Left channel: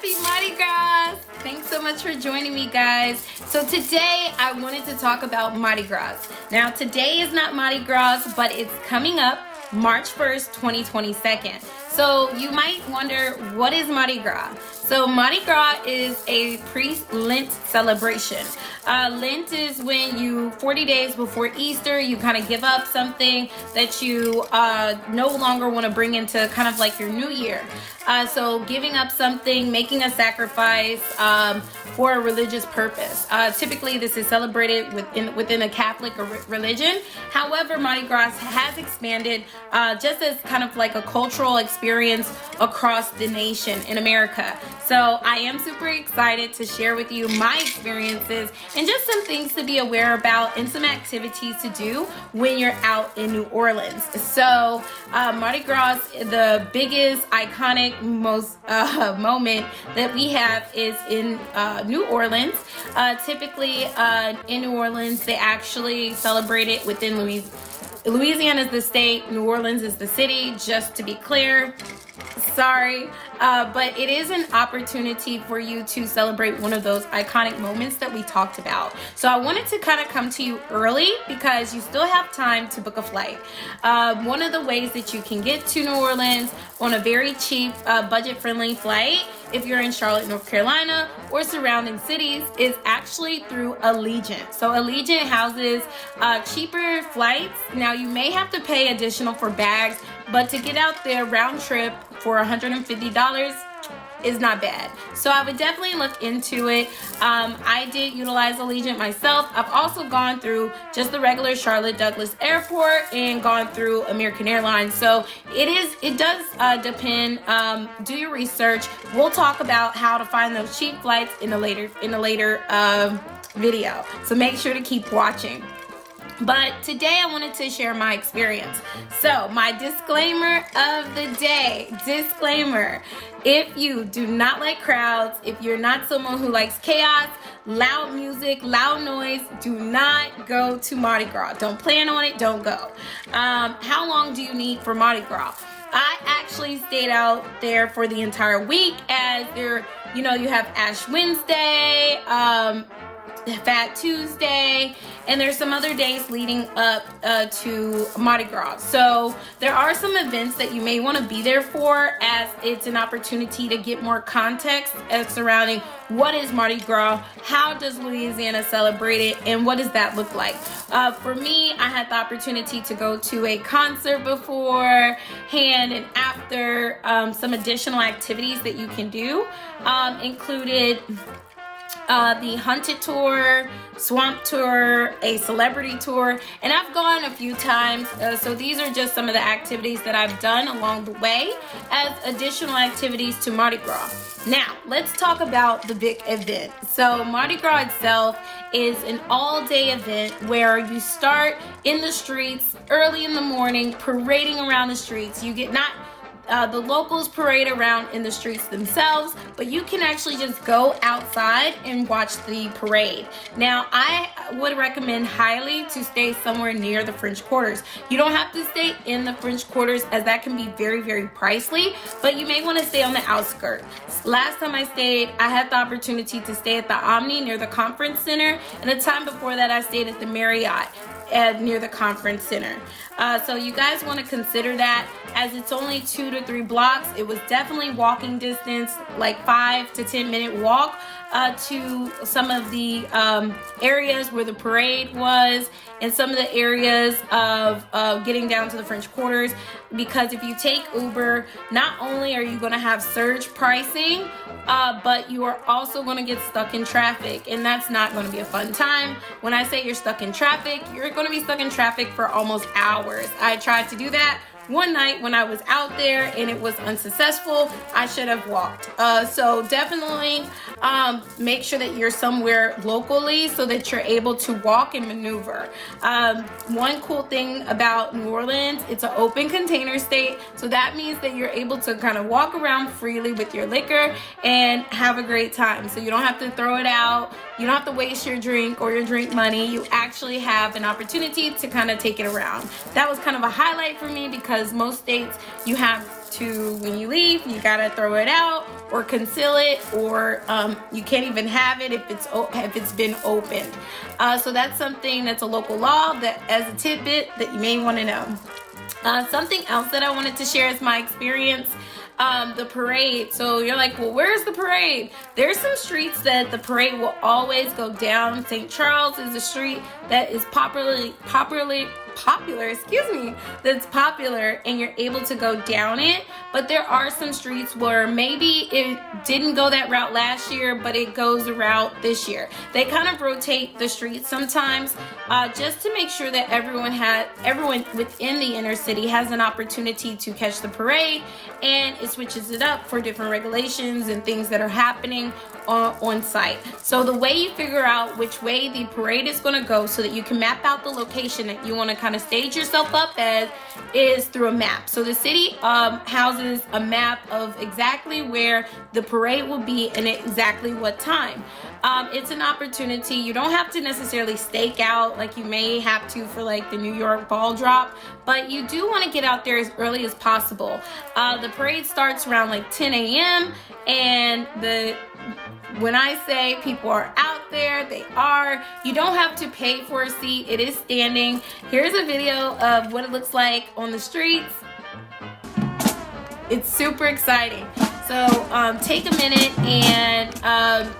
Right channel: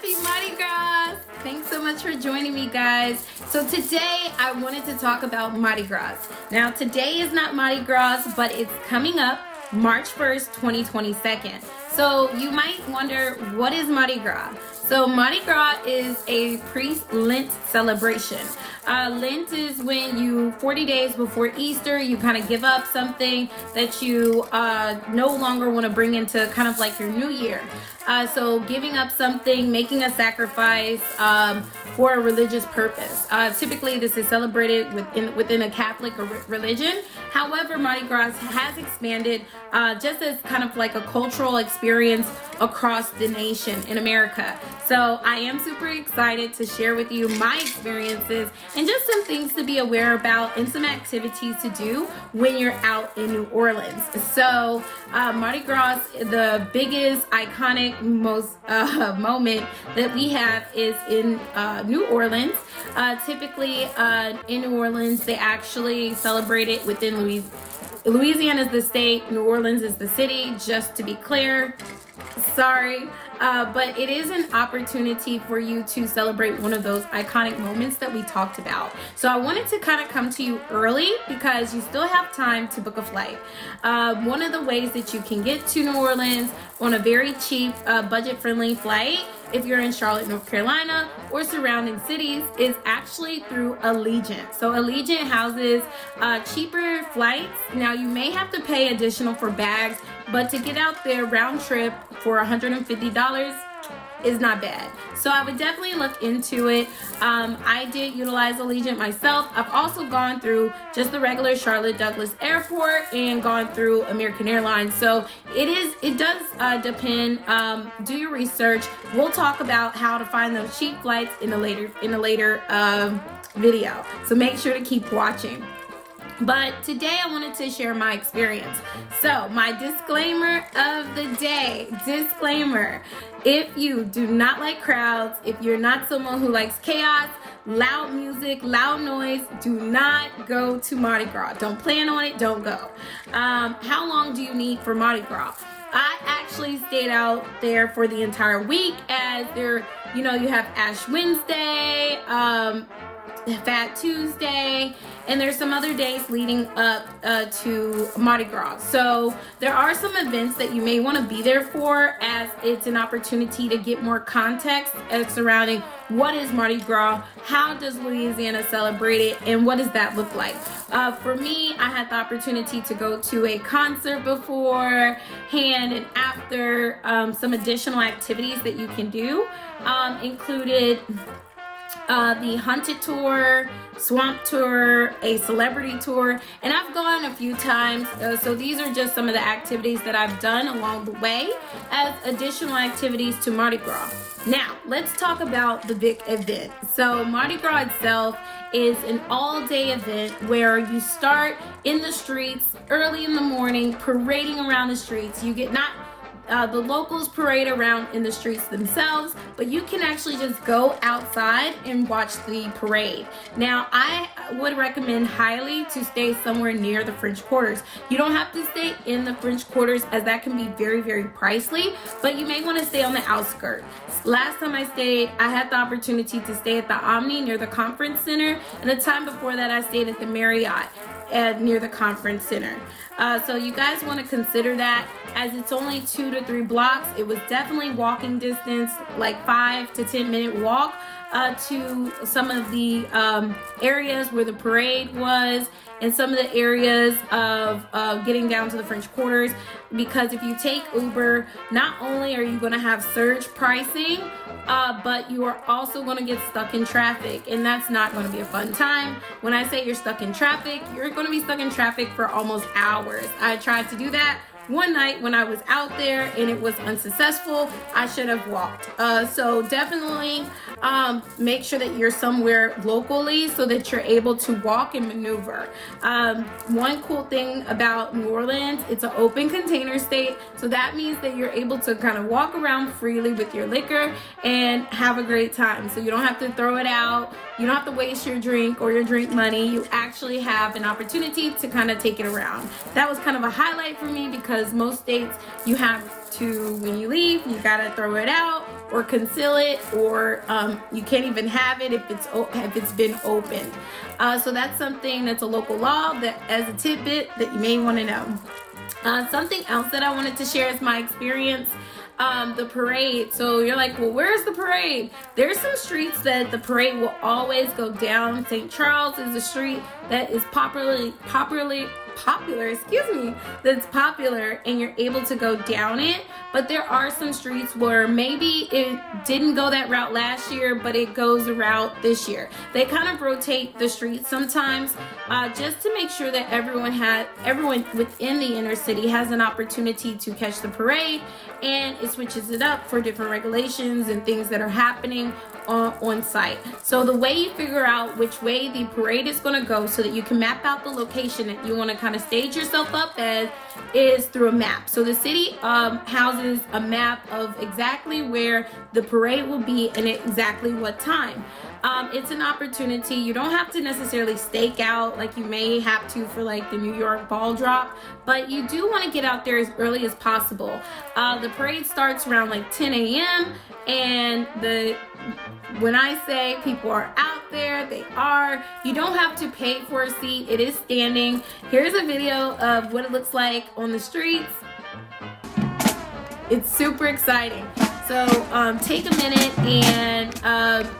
Happy Mardi Gras! Thanks so much for joining me, guys. So today I wanted to talk about Mardi Gras. Now today is not Mardi Gras, but it's coming up March 1st, 2022. So you might wonder, what is Mardi Gras? So Mardi Gras is a pre-Lent celebration. Lent is when you, 40 days before Easter, you kind of give up something that you no longer want to bring into kind of like your new year. So giving up something, making a sacrifice for a religious purpose. Typically this is celebrated within a Catholic religion. However, Mardi Gras has expanded just as kind of like a cultural experience across the nation in America. So I am super excited to share with you my experiences and just some things to be aware about and some activities to do when you're out in New Orleans. So Mardi Gras, the biggest iconic most moment that we have is in New Orleans. Typically in New Orleans, they actually celebrate it within Louisiana is the state, New Orleans is the city, just to be clear. Sorry, but it is an opportunity for you to celebrate one of those iconic moments that we talked about. So I wanted to kind of come to you early because you still have time to book a flight. One of the ways that you can get to New Orleans on a very cheap, budget-friendly flight, if you're in Charlotte, North Carolina, or surrounding cities, is actually through Allegiant. So Allegiant houses cheaper flights. Now you may have to pay additional for bags, but to get out there round trip for $150 is not bad. So I would definitely look into it. I did utilize Allegiant myself. I've also gone through just the regular Charlotte Douglas Airport and gone through American Airlines. So it does depend. Do your research. We'll talk about how to find those cheap flights in a later video. So make sure to keep watching. But today I wanted to share my experience. So my disclaimer of the day, disclaimer, if you do not like crowds, if you're not someone who likes chaos, loud music, loud noise, do not go to Mardi Gras. Don't plan on it, don't go. How long do you need for Mardi Gras? I actually stayed out there for the entire week, as there, you have Ash Wednesday, Fat Tuesday, and there's some other days leading up to Mardi Gras. So there are some events that you may want to be there for, as it's an opportunity to get more context surrounding what is Mardi Gras, how does Louisiana celebrate it, and what does that look like. For me, I had the opportunity to go to a concert beforehand and after. Some additional activities that you can do included the Haunted Tour, Swamp Tour, a Celebrity Tour, and I've gone a few times. So these are just some of the activities that I've done along the way as additional activities to Mardi Gras. Now, let's talk about the big event. So Mardi Gras itself is an all-day event where you start in the streets early in the morning, parading around the streets. You get the locals parade around in the streets themselves, but you can actually just go outside and watch the parade. Now, I would recommend highly to stay somewhere near the French Quarters. You don't have to stay in the French Quarters, as that can be very, very pricey, but you may want to stay on the outskirts. Last time I stayed, I had the opportunity to stay at the Omni near the Conference Center, and the time before that I stayed at the Marriott near the Conference Center. So you guys want to consider that, as it's only 2 to 3 blocks. It was definitely walking distance, like 5 to 10 minute walk to some of the areas where the parade was, and some of the areas of getting down to the French Quarters. Because if you take Uber, not only are you going to have surge pricing, but you are also going to get stuck in traffic, and that's not going to be a fun time. When I say you're stuck in traffic, you're going to be stuck in traffic for almost hours. I tried to do that one night when I was out there and it was unsuccessful. I should have walked. So definitely make sure that you're somewhere locally so that you're able to walk and maneuver. One cool thing about New Orleans, it's an open container state, so that means that you're able to kind of walk around freely with your liquor and have a great time. So you don't have to throw it out, you don't have to waste your drink or your drink money. You actually have an opportunity to kind of take it around. That was kind of a highlight for me, because most states you have to, when you leave, you gotta throw it out or conceal it, or you can't even have it if it's been opened. So that's something that's a local law that, as a tidbit, that you may want to know. Something else that I wanted to share is my experience. The parade. So you're like, well, where's the parade? There's some streets that the parade will always go down. St. Charles is a street that is popular, that's popular, and you're able to go down it. But there are some streets where maybe it didn't go that route last year, but it goes a route this year. They kind of rotate the streets sometimes, just to make sure that everyone within the inner city has an opportunity to catch the parade, and it switches it up for different regulations and things that are happening on site. So the way you figure out which way the parade is going to go, so that you can map out the location that you want to kind of stage yourself up as, is through a map. So the city houses a map of exactly where the parade will be and exactly what time. It's an opportunity. You don't have to necessarily stake out like you may have to for like the New York ball drop, but you do want to get out there as early as possible. The parade starts around like 10 a.m. and when I say people are out there, they are. You don't have to pay for a seat. It is standing. Here's a video of what it looks like on the streets. It's super exciting. So take a minute and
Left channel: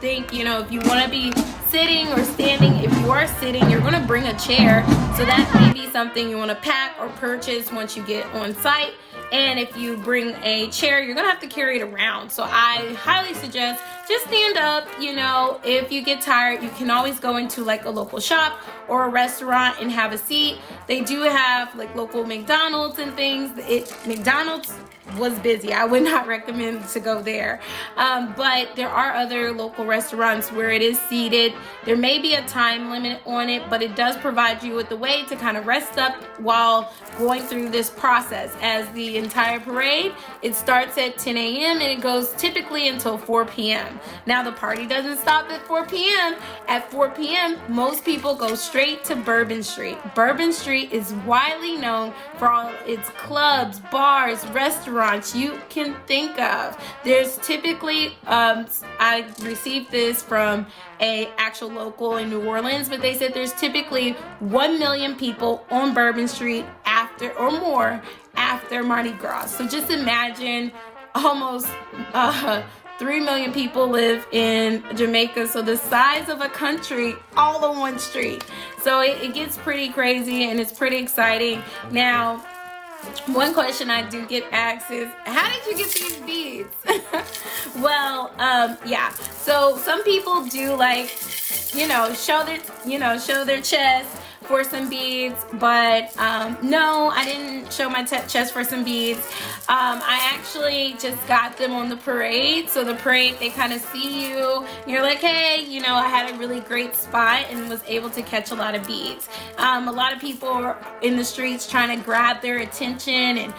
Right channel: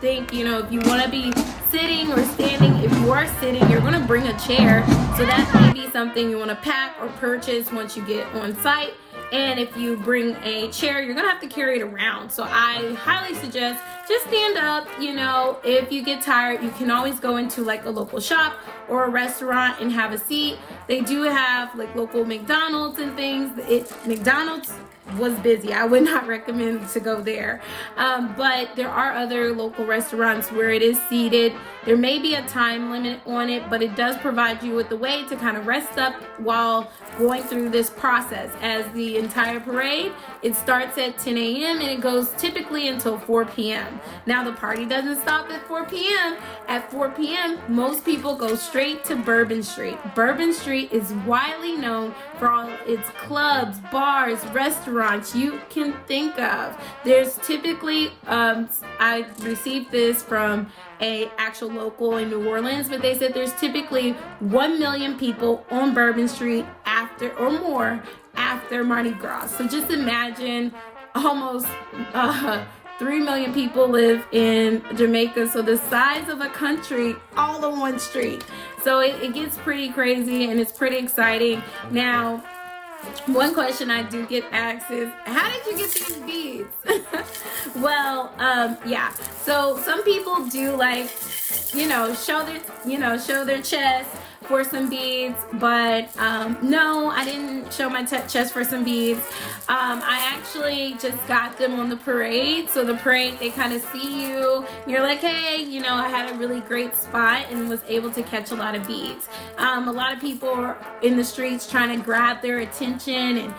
think, if you want to be sitting or standing. If you are sitting, you're going to bring a chair. So that may be something you want to pack or purchase once you get on site. And if you bring a chair, you're going to have to carry it around. So I highly suggest just stand up. If you get tired, you can always go into like a local shop or a restaurant and have a seat. They do have like local McDonald's and things. McDonald's was busy. I would not recommend to go there. But there are other local restaurants where it is seated. There may be a time limit on it, but it does provide you with a way to kind of rest up while going through this process. As the entire parade, it starts at 10 a.m. and it goes typically until 4 p.m. Now the party doesn't stop at 4 p.m. At 4 p.m., most people go straight to Bourbon Street. Bourbon Street is widely known for all its clubs, bars, restaurants you can think of. There's typically, I received this from a actual local in New Orleans, but they said there's typically 1 million people on Bourbon Street after Mardi Gras. So just imagine almost 3 million people live in Jamaica, so the size of a country all on one street. So it gets pretty crazy and it's pretty exciting. Now, one question I do get asked is, how did you get these beads? Well, yeah. So some people do like, show their chest for some beads, but no, I didn't show my chest for some beads. I actually just got them on the parade. So the parade, they kind of see you. You're like, hey, I had a really great spot and was able to catch a lot of beads. A lot of people are in the streets trying to grab their attention, and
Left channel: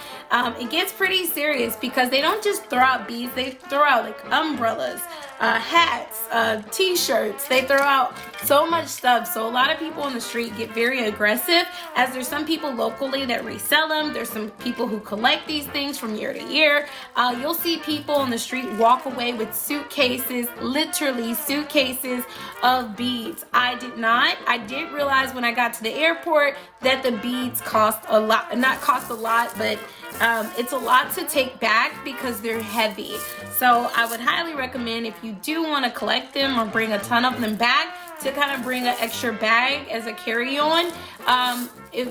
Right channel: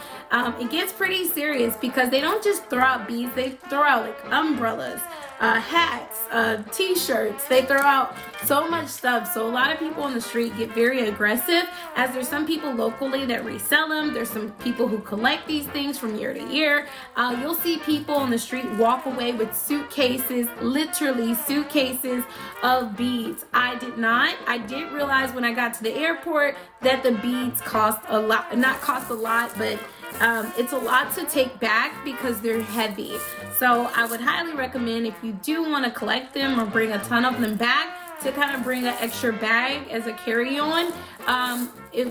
it gets pretty serious because they don't just throw out beads. They throw out like umbrellas, hats, t-shirts. They throw out so much stuff. So a lot of people on the street get very aggressive, as there's some people locally that resell them. There's some people who collect these things from year to year. You'll see people on the street walk away with suitcases, literally suitcases of beads. I did realize when I got to the airport that the beads cost a lot, not cost a lot, but it's a lot to take back because they're heavy. So I would highly recommend, if you do want to collect them or bring a ton of them back, to kind of bring an extra bag as a carry-on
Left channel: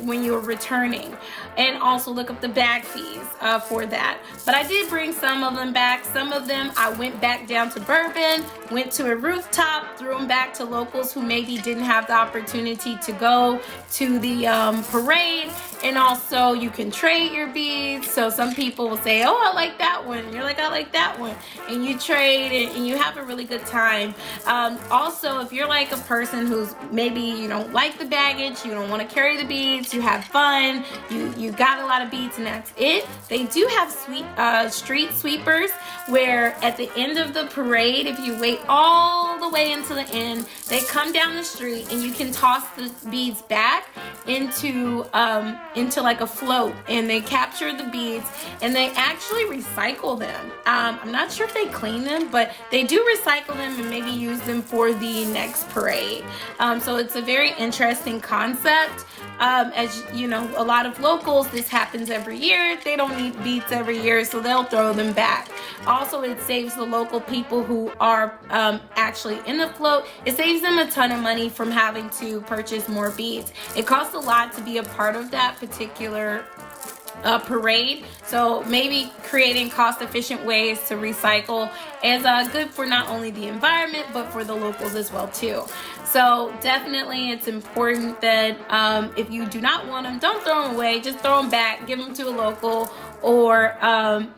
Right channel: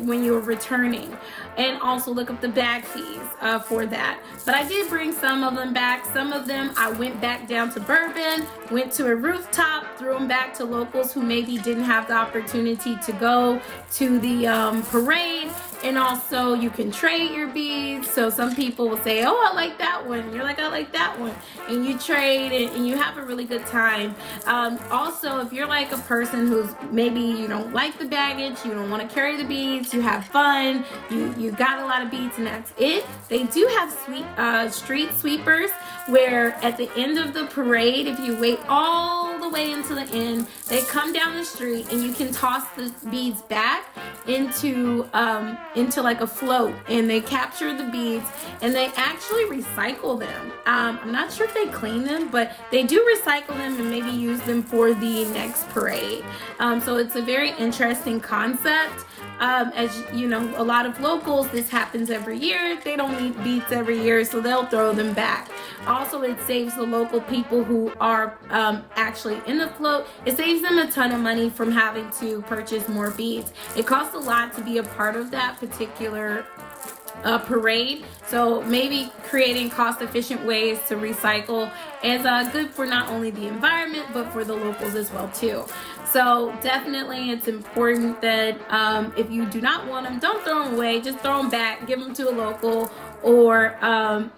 when you're returning. And also look up the bag fees for that. But I did bring some of them back. Some of them I went back down to Bourbon, went to a rooftop, threw them back to locals who maybe didn't have the opportunity to go to the parade. And also you can trade your beads. So some people will say, oh, I like that one. And you're like, I like that one. And you trade and you have a really good time. Also, if you're like a person who's maybe you don't like the baggage, you don't want to carry the beads, you have fun, you got a lot of beads and that's it. They do have street sweepers. where at the end of the parade, if you wait all the way into the end, they come down the street and you can toss the beads back into like a float, and they capture the beads and they actually recycle them. I'm not sure if they clean them, but they do recycle them and maybe use them for the next parade. So it's a very interesting concept. As you know, a lot of locals, this happens every year. They don't need beads every year, so they'll throw them back. Also, it saves the local people who are actually in the float. It saves them a ton of money from having to purchase more beads. It costs a lot to be a part of that particular parade, so maybe creating cost-efficient ways to recycle is good for not only the environment but for the locals as well too. So definitely it's important that if you do not want them, don't throw them away, just throw them back, give them to a local, or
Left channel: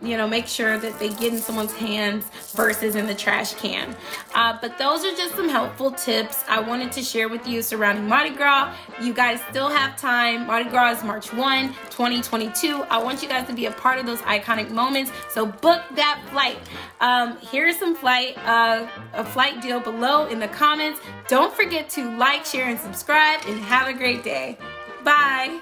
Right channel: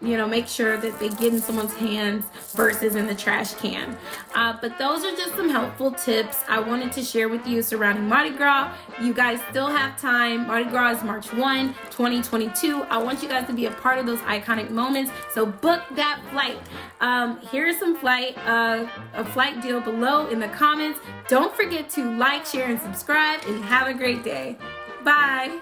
make sure that they get in someone's hands versus in the trash can. But those are just some helpful tips I wanted to share with you surrounding Mardi Gras. You guys still have time. Mardi Gras is March 1, 2022. I want you guys to be a part of those iconic moments, so book that flight. Here's some a flight deal below in the comments. Don't forget to like, share, and subscribe, and have a great day. Bye.